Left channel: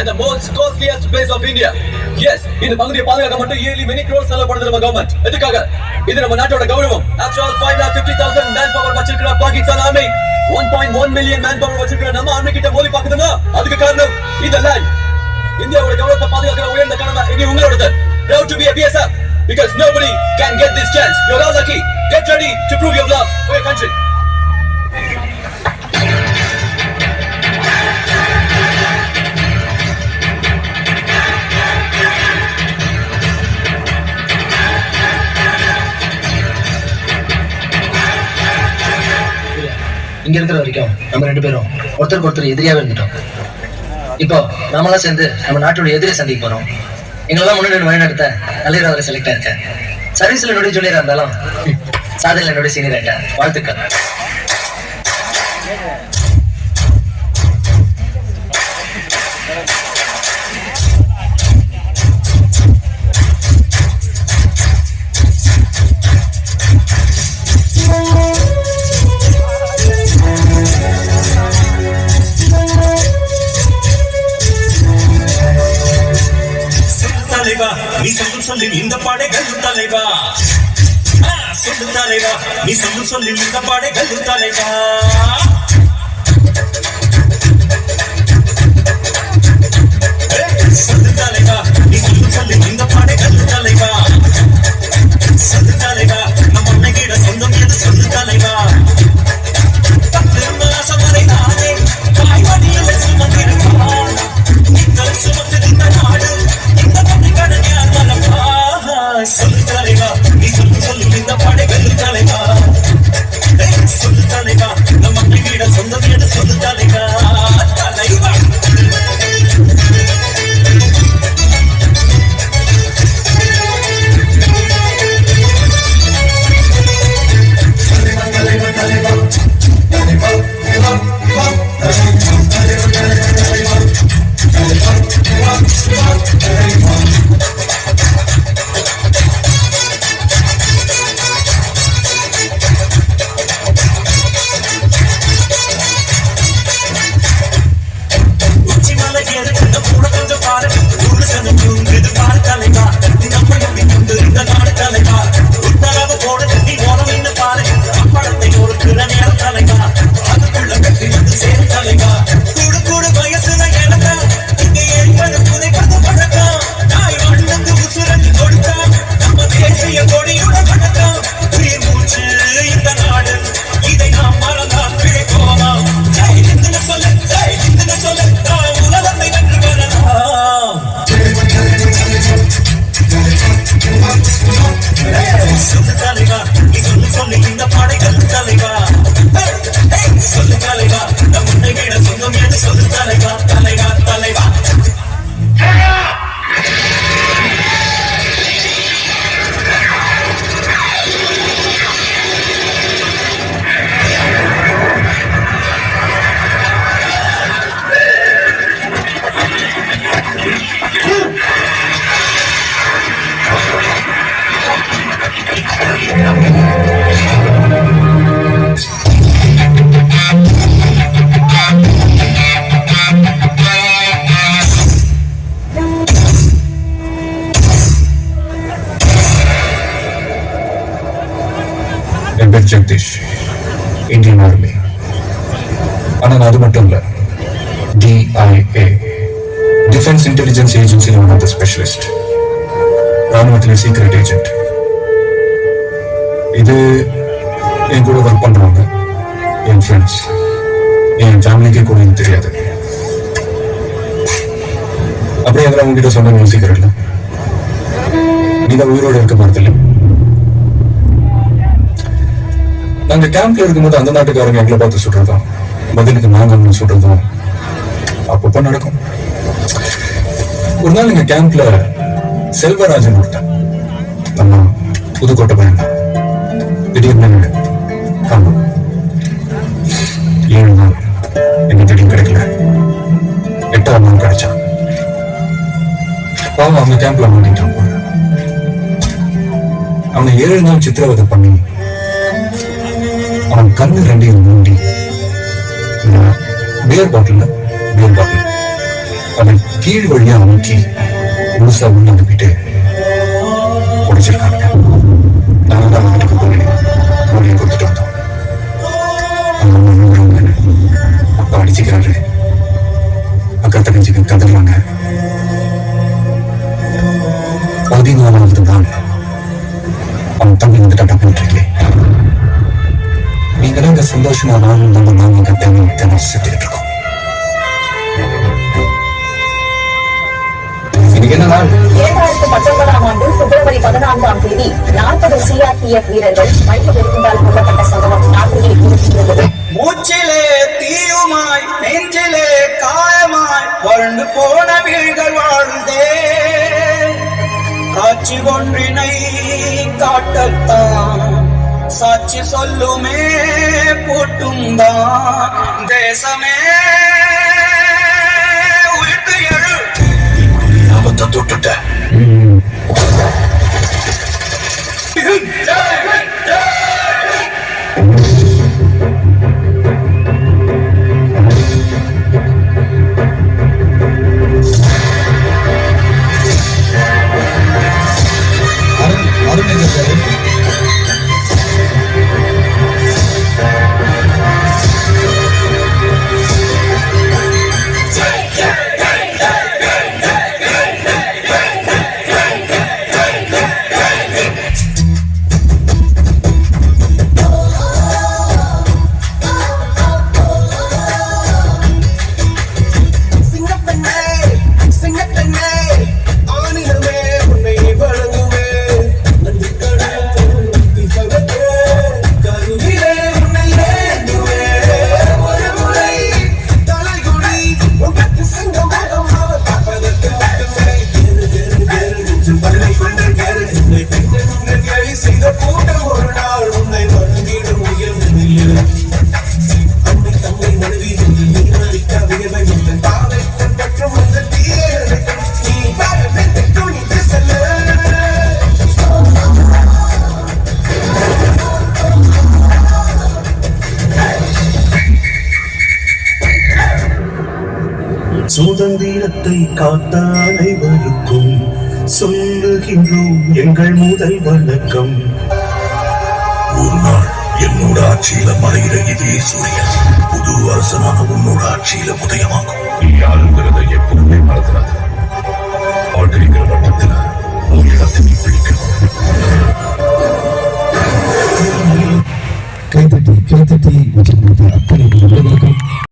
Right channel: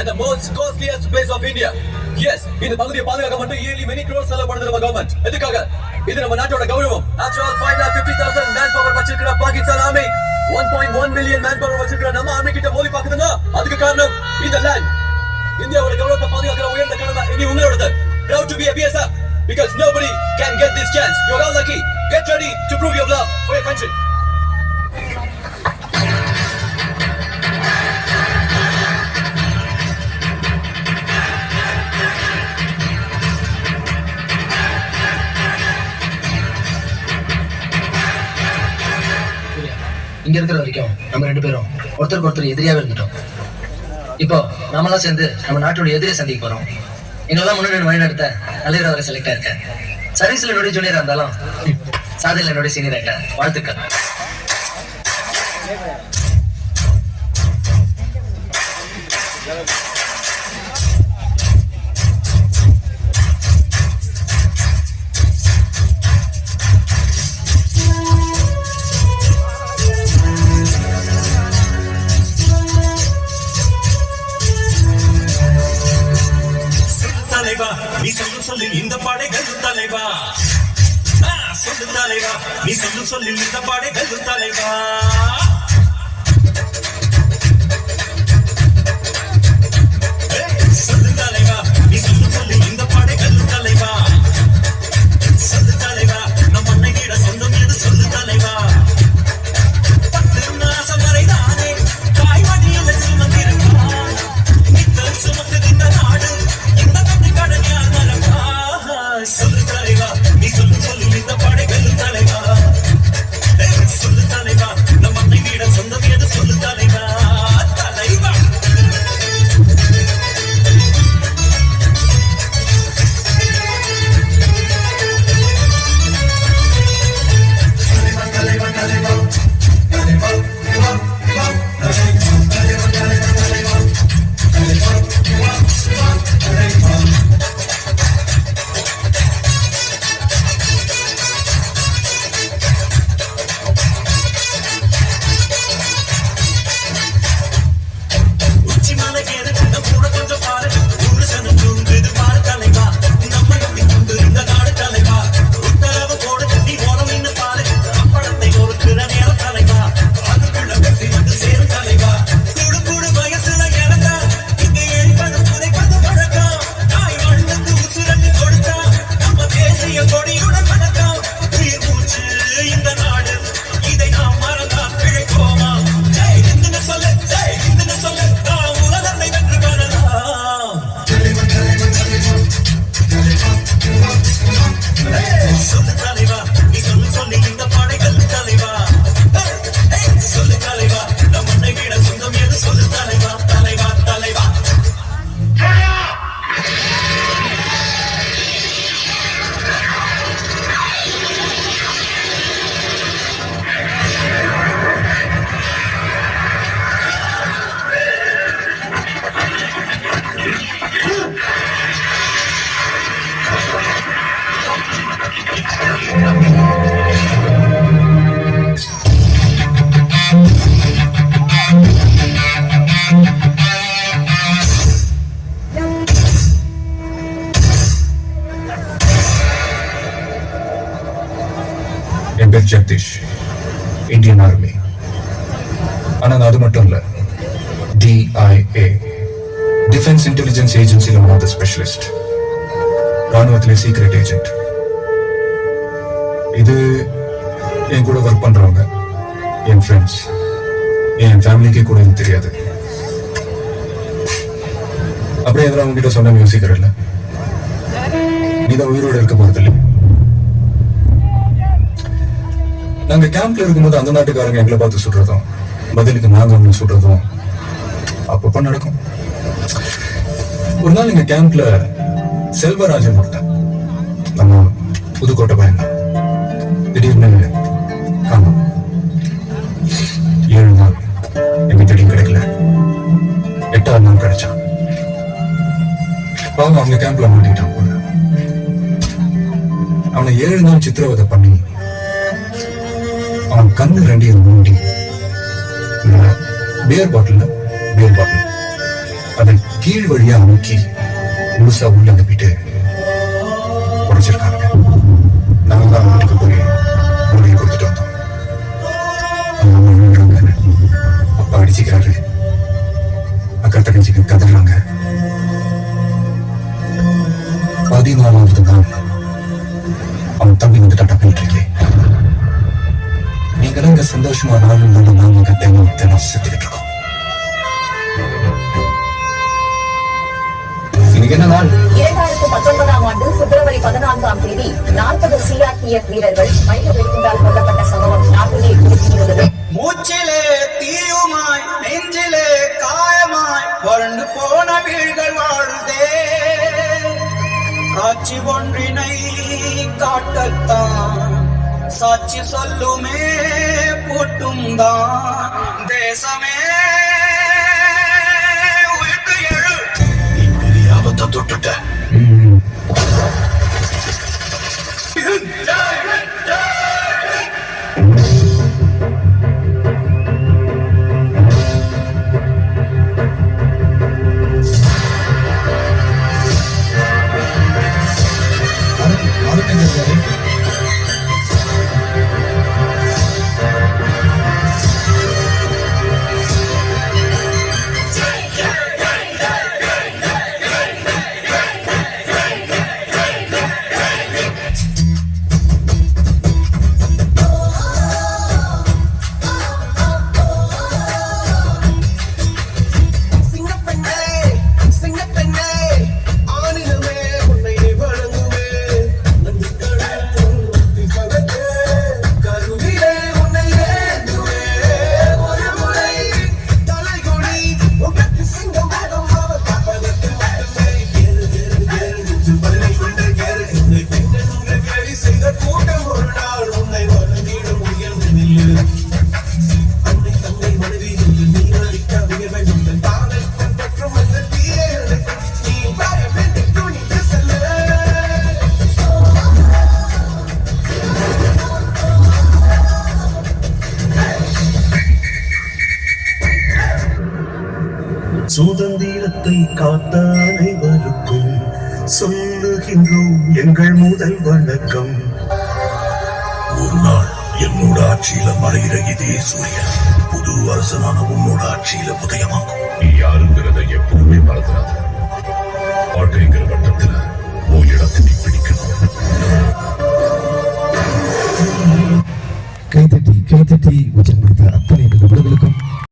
and the most costliest place of India. Yes, இந்த பகுதியை பாதுகாக்க மட்டும் yearly many crores செலவுப்படுது நம்ம கவர்மெண்ட் எதுக்காக இது நம்ம நாட்டோட கௌரவம் actual five lakh fifty thousand man power வச்சிருக்கிற Pakistan army one point one million man power வச்சிருக்கிற நம்ம ஆர்மி கிட்ட மோதி பாக்குதுன்னா அதுக்கு காரணம் இந்த லேண்ட் இந்தியாவோட கௌரவத்தை பாதுகாக்கிற உயர்ந்த கடமை இனி உங்களோடது proud to be a BSF because nobody can get this chance. You're all lucky. Get ready to prove your love for your country. இருக்கிற வரைக்கும் நம்ம ரெண்டு பேரும் ஒருத்தருக்கு ஒருத்தர் எதிரியாவே இருந்துட்டோம். இப்போ நாமெல்லாம் சேர்ந்து நம்ம நாட்டோட எதிரியை சந்திக்க போறோம். எங்களெல்லாம் முன்னாடி வழிநடத்த நல்ல அவரை செலக்ட் ஆயிருக்கேன் சர்வீஸ்ல என்னுடைய ஜூனியரா இருந்தாலும் சாதனை என்னுடைய சீனியர் ஆயிட்டேன் வாழ்த்துக்கள். பேர் ஜெகதீஷ் இந்தியன் ஆர்மி ஆனால் அது மட்டும் இல்ல. டிஐஏ டிஃபென்ஸ் இன்டெலிஜென்ஸ் ஏஜென்சியில் ஒன் ஆஃப் த ஸ்பெஷலிஸ்ட் ராணுவத்தில் சீக்ரெட் ஏஜென்ட் இது என் கூட ஒர்க் பண்ணுறவங்க என் ஃப்ரெண்ட்ஸ் என் ஃபேமிலிக்கே கூட எனக்கு தெரியாது. அப்படியே அதெல்லாம் உங்ககிட்ட சொன்ன யோசிக்கிறல்ல நீ தான் உயிரோட இருக்க போறதில்லை நாங்க கேம்ப்ல இருக்கும்போது அந்த நாட்டுக்காரங்க எங்களை பார்த்து சுடுறதும் பதிலுக்கு நாங்க அவங்க சுடுறதும் அப்பப்ப நடக்கும். ஒரு நாள் எங்க கேம்ப்ல செல்வராஜன் ஒருத்தன் நம்ம புதுக்கோட்டை பையன். திடீர்னு காணும். ஏழு நாள் எங்க திடீர்னு கிடைக்கல. எட்டாம் நாள் கிடைச்சான். பாவம் அவங்க கேம்ப்ல மாட்டிட்டான் அவனை ஏழு நாள் சித்திரவதை பண்ணி கண்ணு ரெண்டையும் மூடி பியர் பாட்டில் பியர் பாட்டில். அதை கீழ் வழியா அமுக்கி முழுசா உள்ள அனுப்பிட்டு சந்தோஷமா வாழணும் நம்ம நாங்க இங்க தினம் இருக்கோம் இரண்டாயிரத்து பத்தொன்பதாம் ஆண்டு பிப்ரவரி பதினான்காம் தேதி நாற்பது சிஆர்பிஎஃப் வீரர்கள் வெடிகுண்டால் கொல்லப்பட்ட சம்பவம் நாட்டிலே மூச்சிலே தீயுமாய் நெஞ்சிலே காயமாய் வறண்டு போன வீழ்கள் வாழ்ந்தே காட்சி ஒன்றினை காட்டத்தான் சாட்சி சொல்லுமே போட்டும் தான் தேசமே. உயிர்த்து எழு ஆபத்தை தொட்டுட்ட. சிங்கப்பெண்ணே சுதந்திரத்தை காத்த அனைவருக்கும் சொல்லுகின்றோம் எங்கள் முதல் வணக்கம். ஒரு நாள் என்னோட ஆட்சியில மறைகிற இதே சூரியன் புது அரசனான உன்னோட ஆட்சியில உதயமாகும். நீ யாருங்கிறத எப்பவுமே மறந்துடாத. வாழ்க்கைங்கிற வட்டத்துல உன் இடத்தை நீ பிடிக்கணும். கைத்தட்டி கைத்தட்டி